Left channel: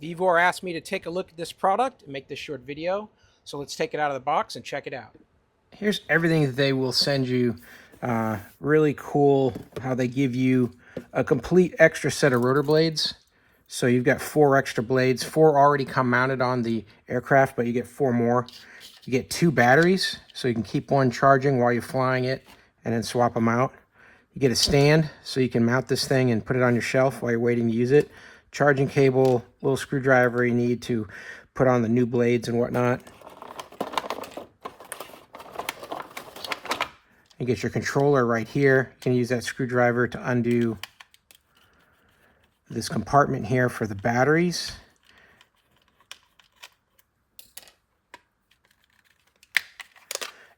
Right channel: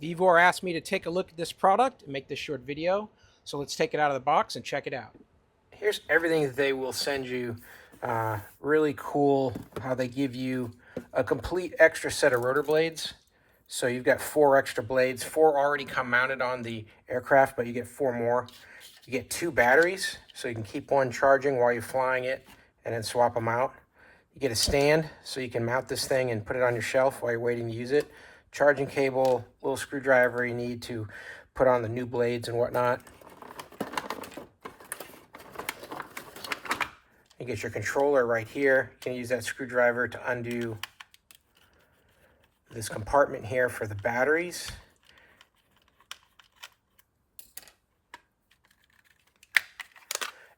VEVOR asked me to take a look at this product and make this short video. So let's take it out of the box and check it out. Here's everything that they will send you. Really cool how they give you a complete extra set of rotor blades. So you've got 4 extra blades. 4 already come mounted on the aircraft, but you get 4 more. You get 2 batteries, so you can keep one charging while you're flying it and then swap them out. You get a stand, so you can mount this thing and put it on your shelf while you're waiting to use it. Charging cable, little screwdriver you need to put on the new blades and whatnot. You get your controller right here. You can use that screwdriver to undo this compartment here for the batteries.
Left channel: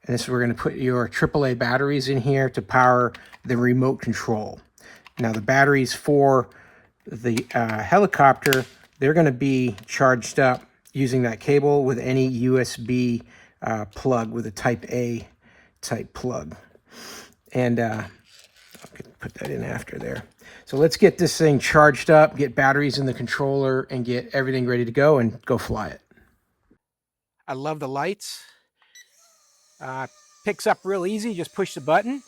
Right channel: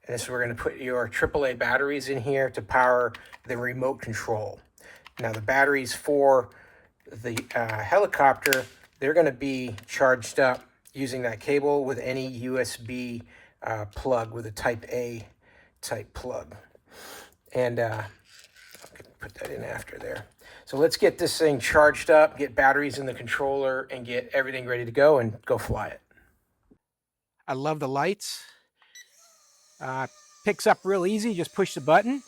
And this is where we're going to put your AAA batteries in here to power the remote control. Now the batteries for the helicopter, they're going to be charged up using that cable with any USB plug, with a type A type plug. And I can put that in after there. So let's get this thing charged up, get batteries in the controller, and get everything ready to go and go fly it. I love the lights. Picks up real easy, just push the button.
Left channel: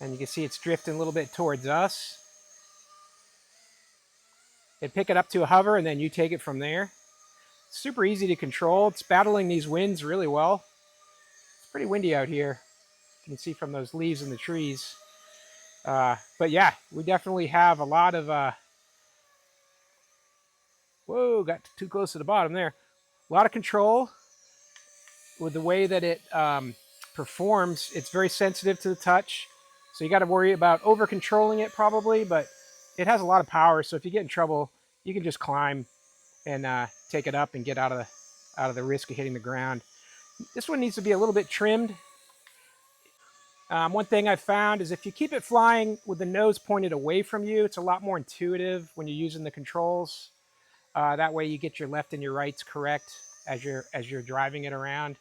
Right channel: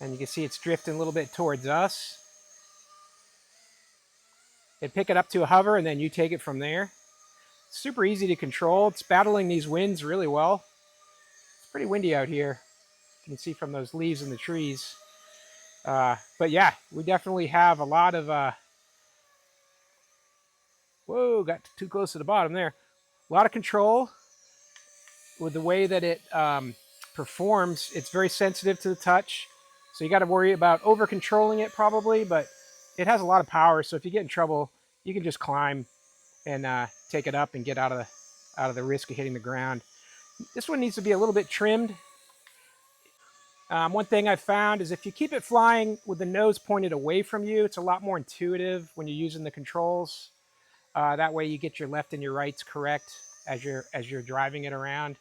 And you can see it's drifting a little bit towards us. They pick it up to a hover and then you take it from there. Super easy to control. It's battling these winds really well. It's pretty windy out here. You can see from those leaves in the trees. But yeah, we definitely have a lot of, whoa, got too close to the bottom there. A lot of control with the way that it performs. It's very sensitive to the touch. So you got to worry about over controlling it probably, but it has a lot of power. So if you get in trouble, you can just climb and take it up and get out of the risk of hitting the ground. This one needs to be a little bit trimmed. One thing I've found is if you keep it flying with the nose pointed away from you, it's a lot more intuitive when you're using the controls. That way you get your left and your rights correct as you're driving it around.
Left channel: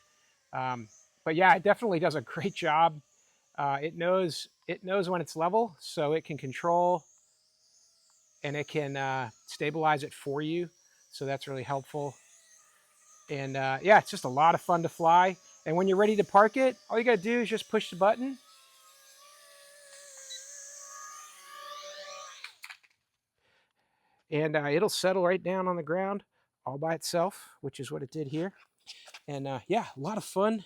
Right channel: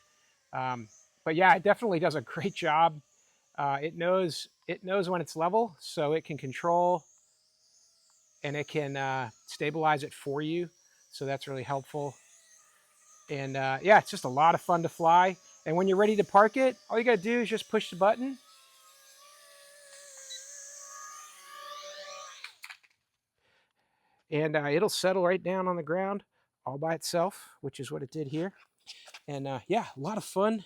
But yeah, it definitely does a great job. It knows when it's level, so it can control and it can stabilize it for you. So that's really helpful. And yeah, it's just a lot of fun to fly. And when you're ready to park it, all you got to do is just push the button. And it'll settle right down on the ground all by itself, which is what it did here. And yeah, a lot of fun.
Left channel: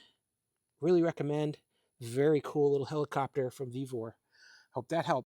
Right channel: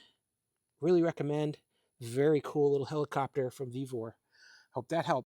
Really recommend. Very cool little helicopter from VEVOR. Hope that helped.